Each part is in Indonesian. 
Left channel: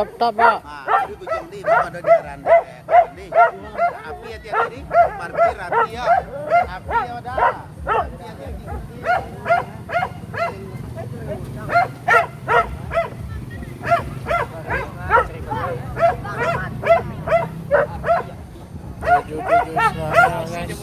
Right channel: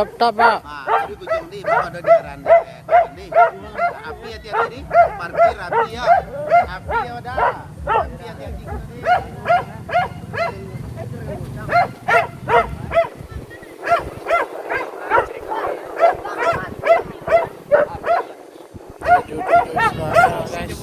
Stop, stop, Pak. Nah, jadi Bujang di itu ada daerah di api hati-hati di parkir api ya udah api hati-hati. Tujuh suara guys.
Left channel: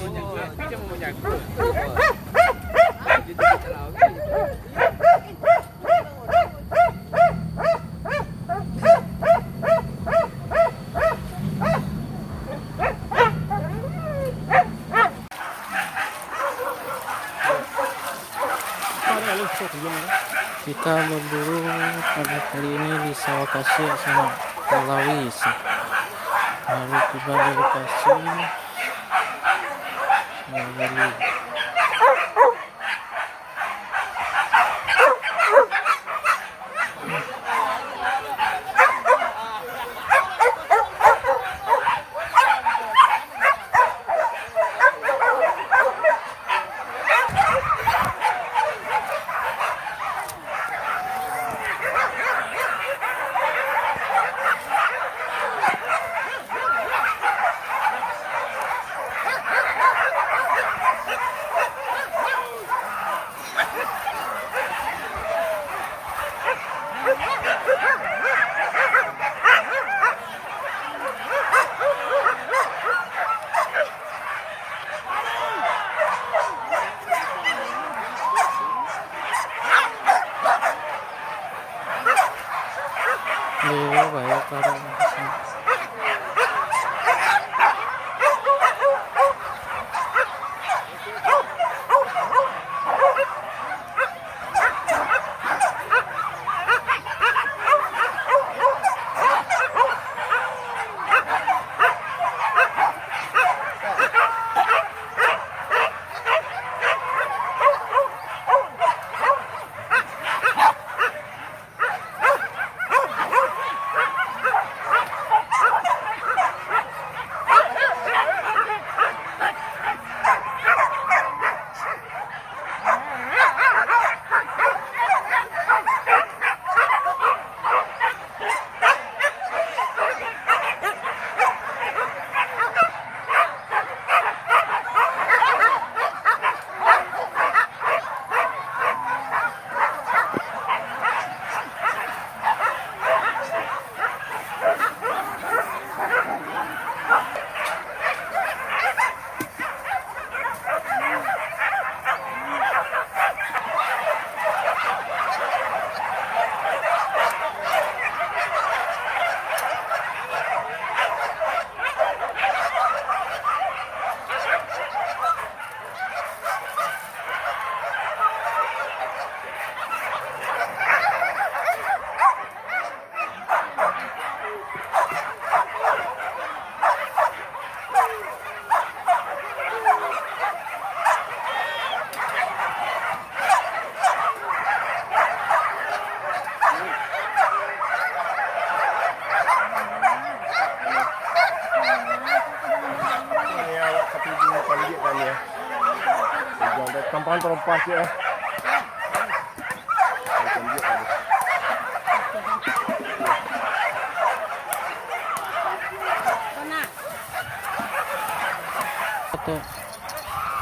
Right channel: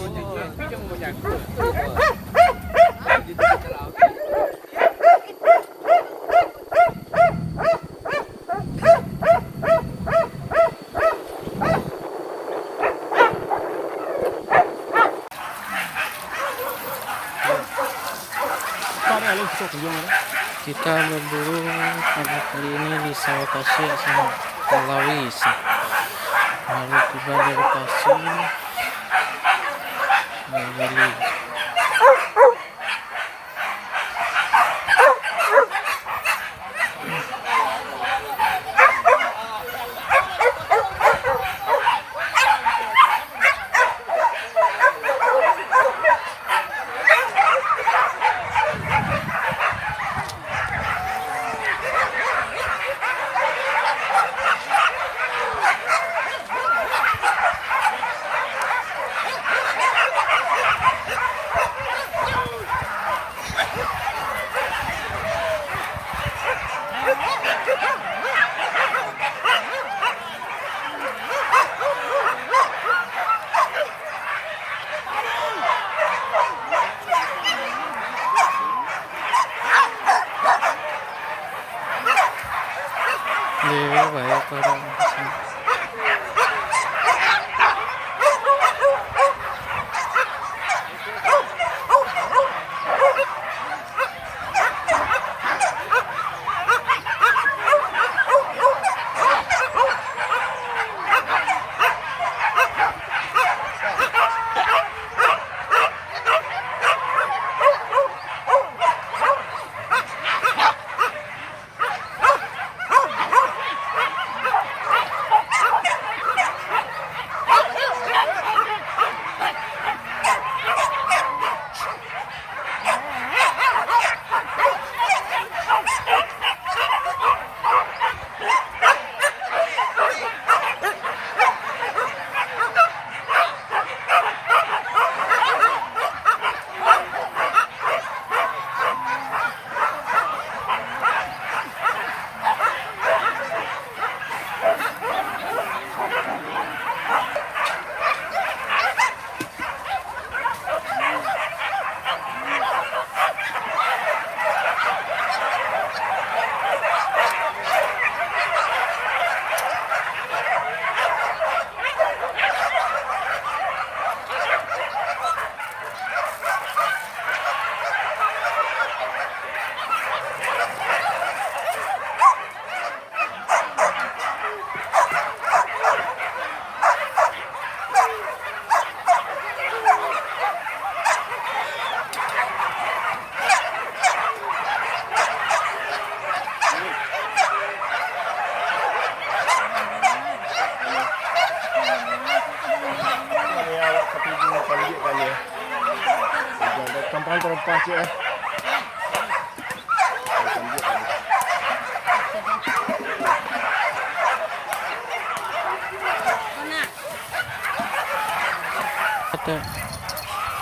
Kita berburu pada kali ini di sawah kasih sama Malawi. Baru tiba dari kasih Bali. Banyak orang. Tampang terlepas ya.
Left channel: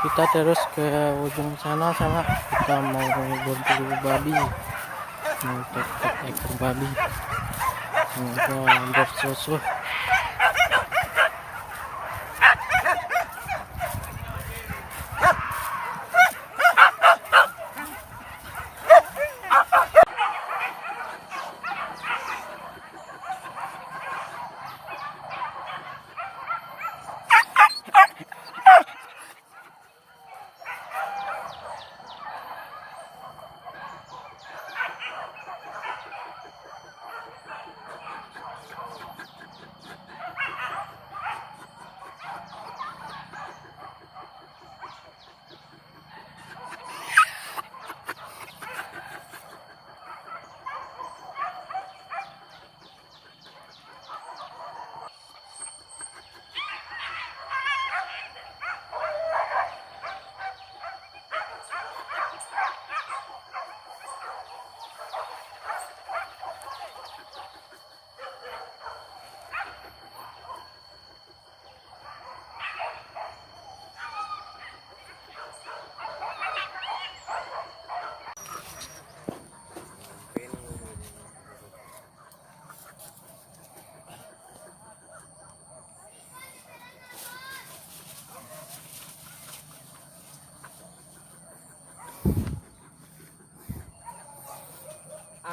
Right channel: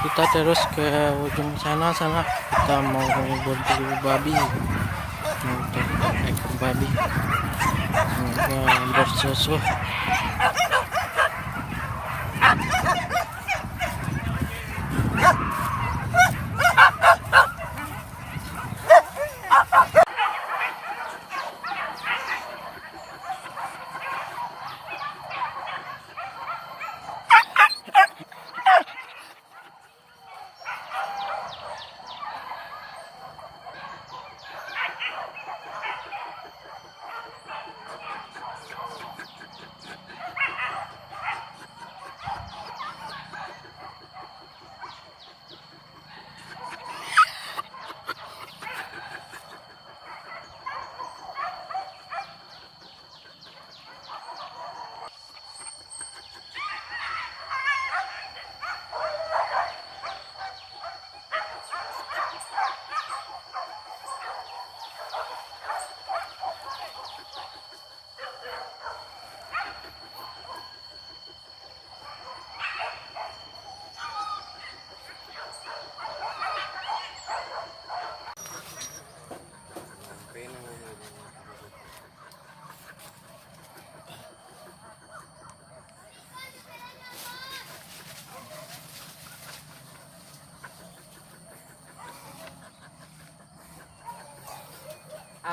Kita terus ke ujung sana kita mau berburu babi, mau dapat ekor babi, semoga bersusu.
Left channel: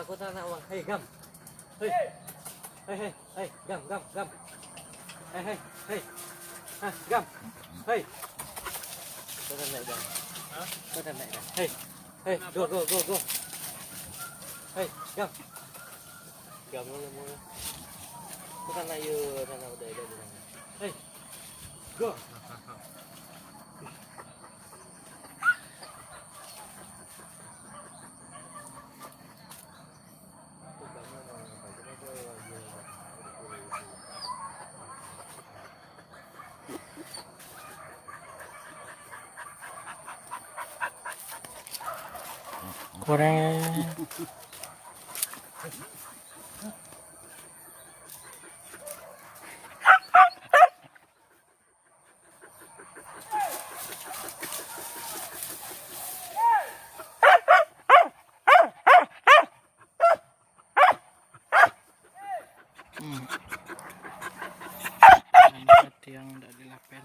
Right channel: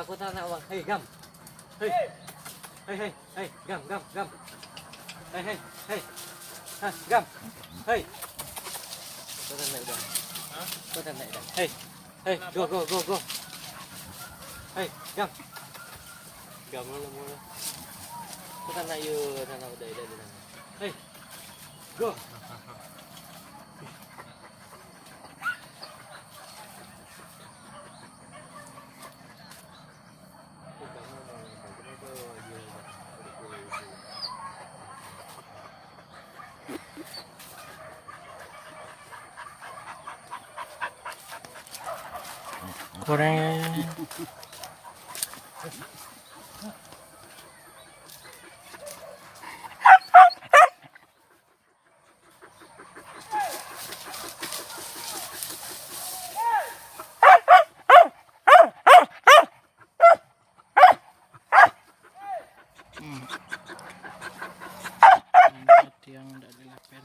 Ketakutan awak. Hei, Gam. Hei. Hei, Gam. Hei. Hah, Gam. Hei. Kau tak nak, Gam. Hah? Kau tak nak, Gam. Hei. Go. Hei, Gam. Gam mula. Kau tak nak tak nak udah. Hei. Go. Kurang yang tidak dilapen.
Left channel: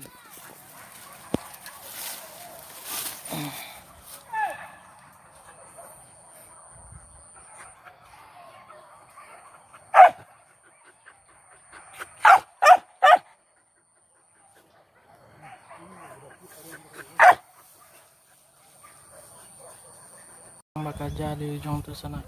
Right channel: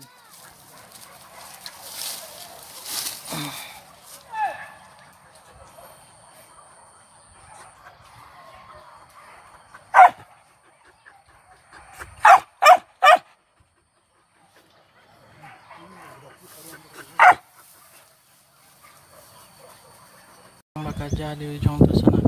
Bakal jadi ujung tu sana.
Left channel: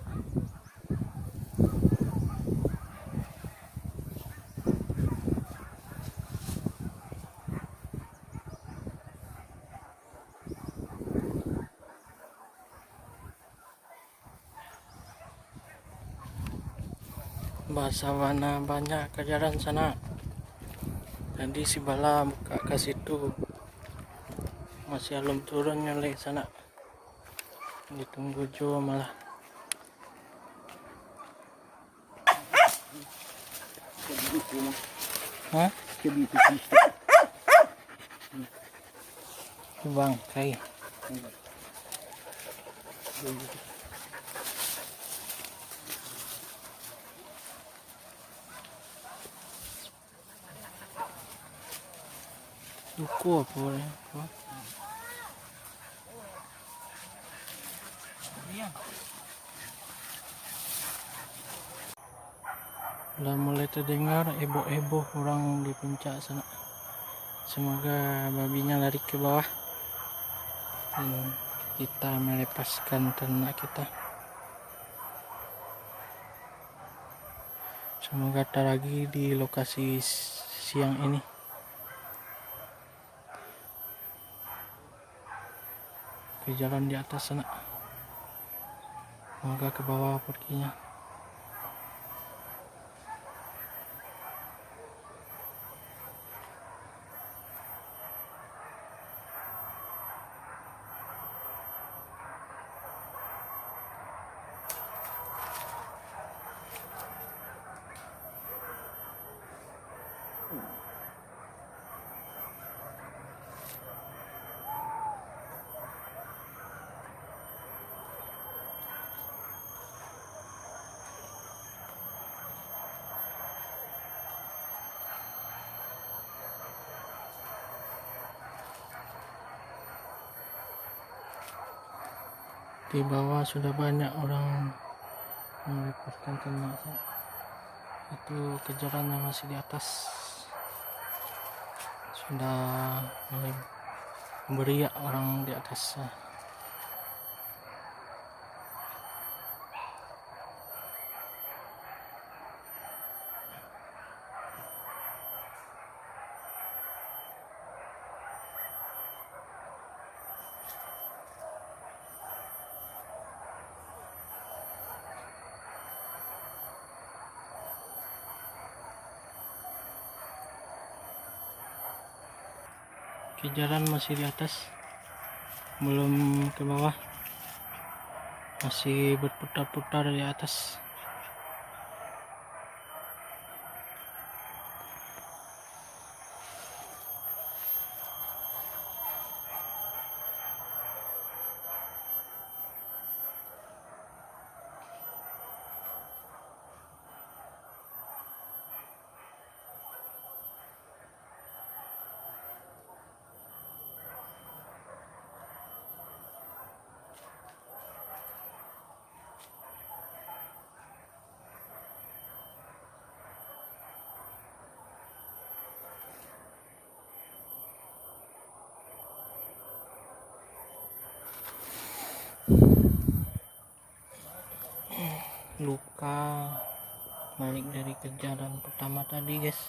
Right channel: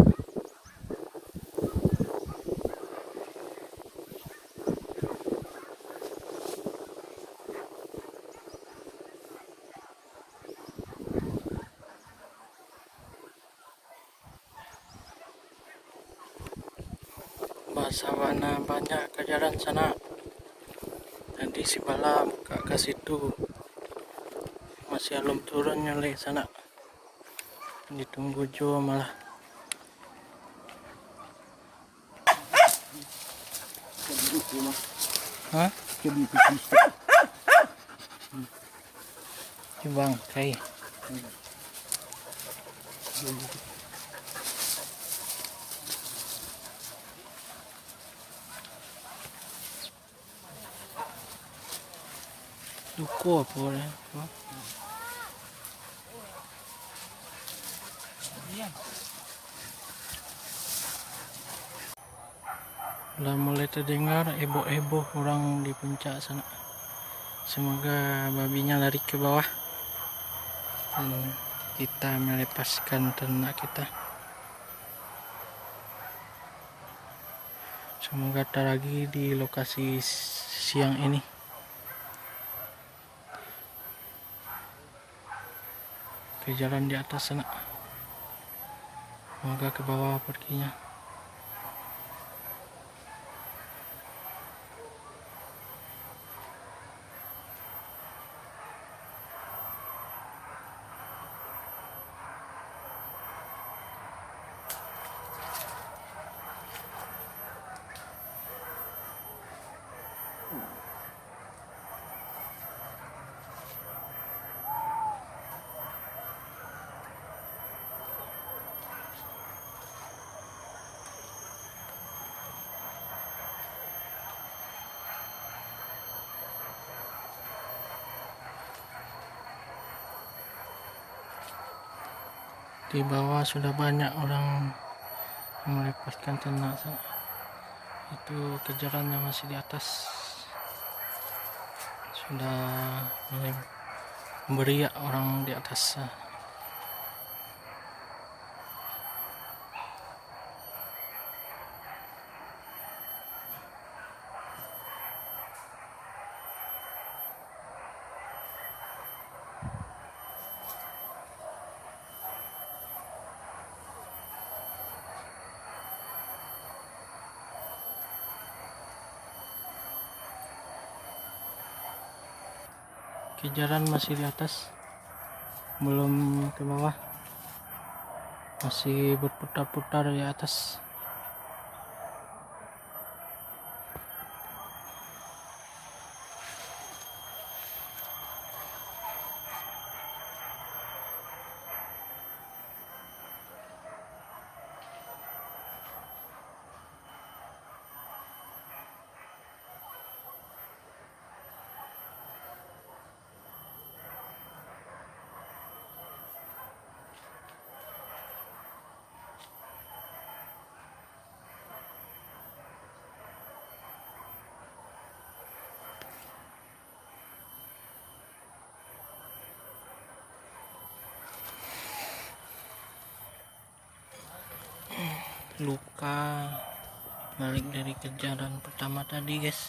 Basawana banyak kejaran sana. Tadi si Bala buka ke situ. Masih belum turun nyali sana. Ditunggu Jo malah. Hah? Bangkai. Duku apa ya? Udah mulai terdengar ebo-ebo orang di puncak sana. Semoga babinya lari ke bawah dan kita melepaskan ternak kita. Semoga tak lagi di lokasi siang ini. Ke jalan di atas sana. Semoga ke bawah perginya. Di bawah sudah banyak orang melepaskan ternak. Itu kejaran yang masih di atas sudah mulai beriak orang di atas. Kejaran masih di atas, belum ke bawah, masih berputar-putar di atas. luka balik dari kejaran pertama tadi guys.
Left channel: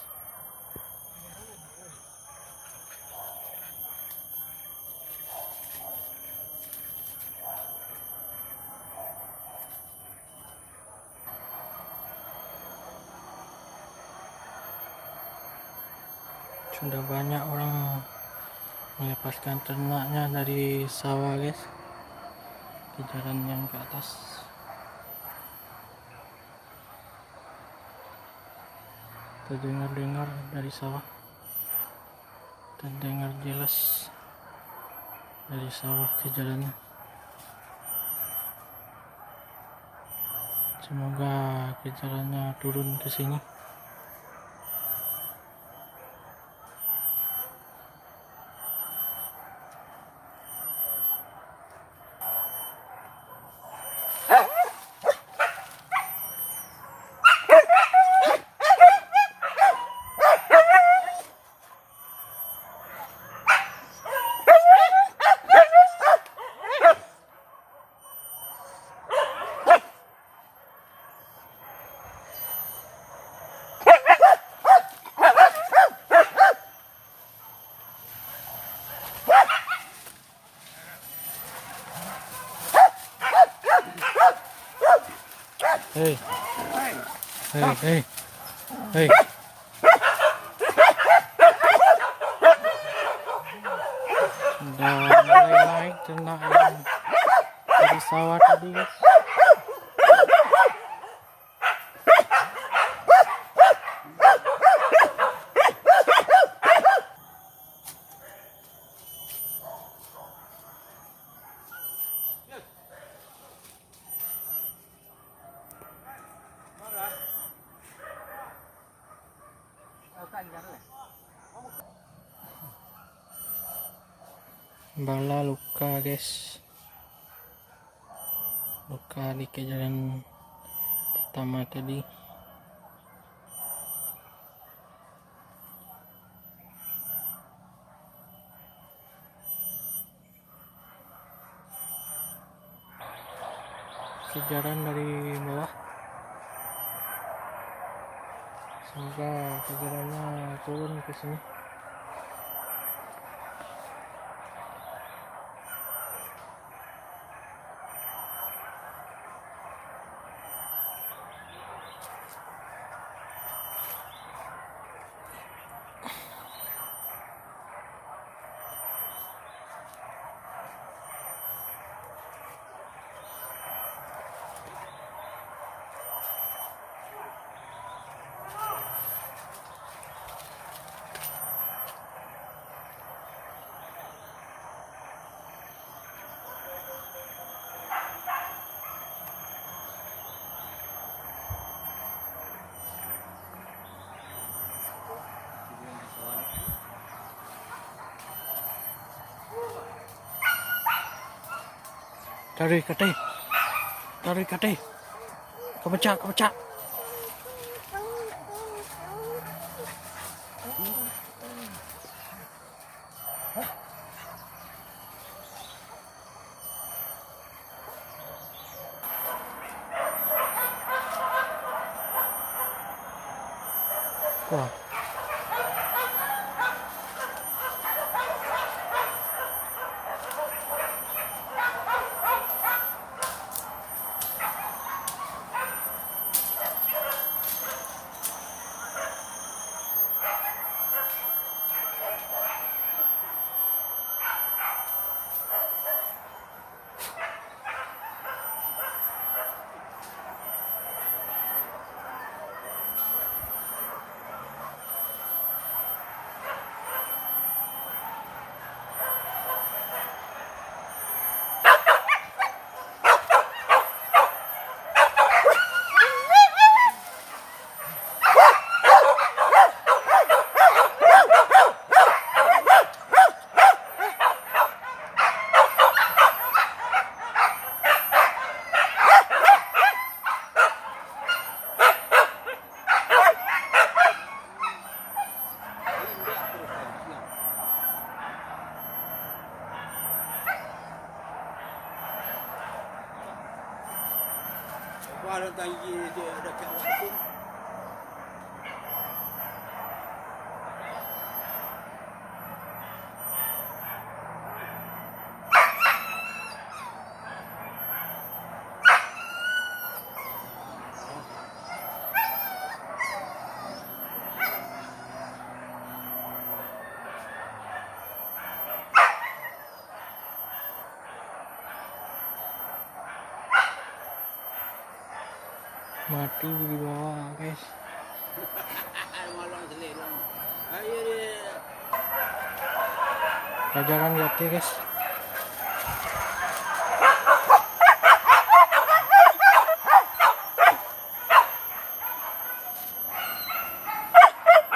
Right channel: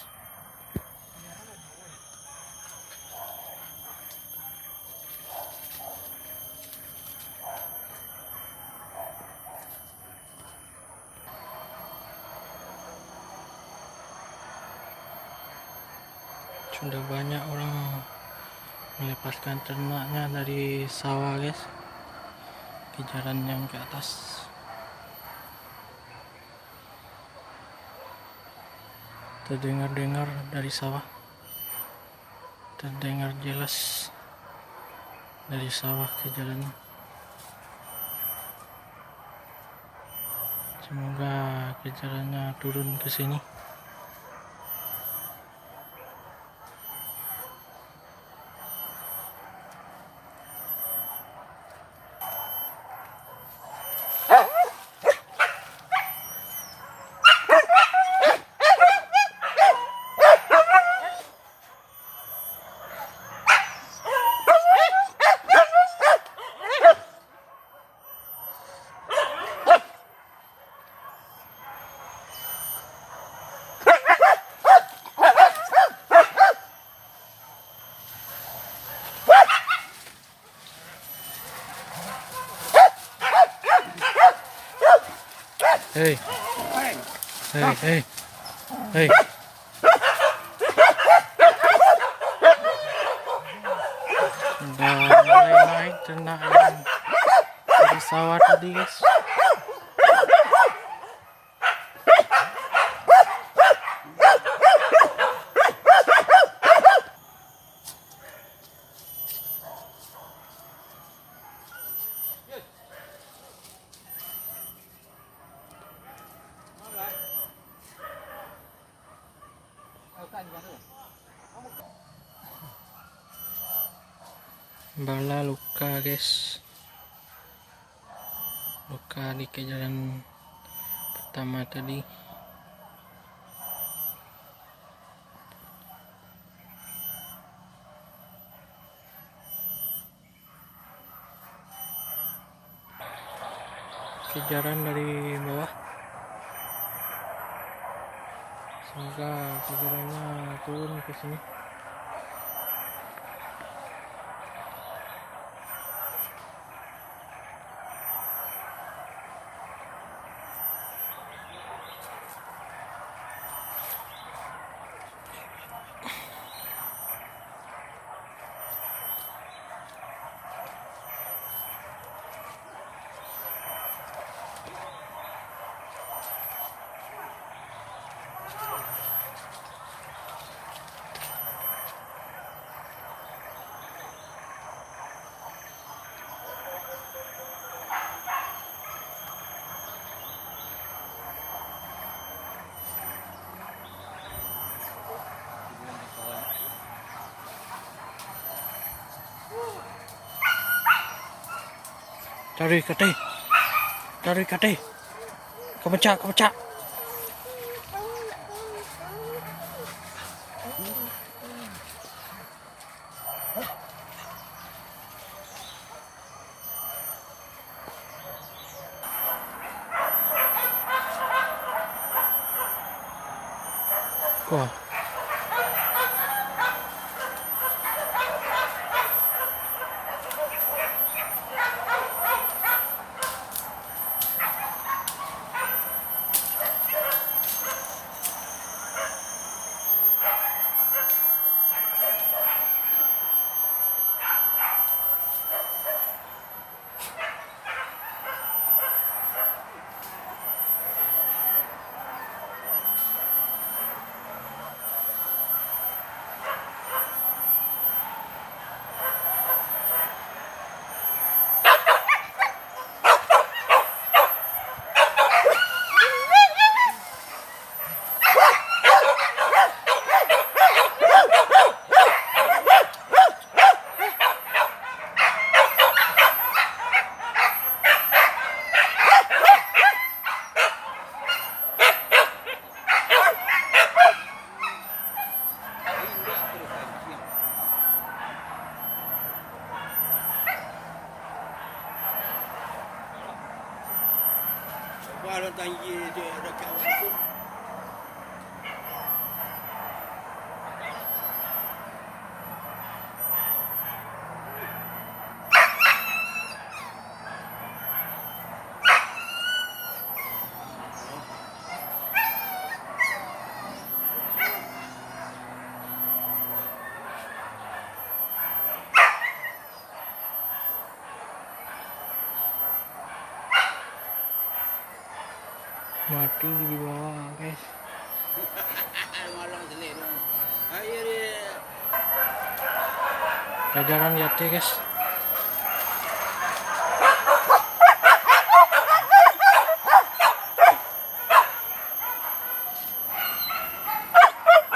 Sudah banyak orang melepaskan ternaknya dari sawah guys, kejaran yang ke atas. Terdengar-dengar dari sawah, terdengar jelas dari sawah ke jalan. Semoga kejarannya turun ke sini. Hei, hei, hei, hei. Udah mulai naik ternak yang dari sawah tadi guys. Bala luka guys, luka di kejaran pertama tadi. Kejaran dari bawah, semoga kejarannya turun ke sini. Tarik kate, kepecah. Wah. Kalau tinggi dekat waktu. Mati di bawah guys. Malang selit dong. Ayo dia. Jajaran lihat ya guys.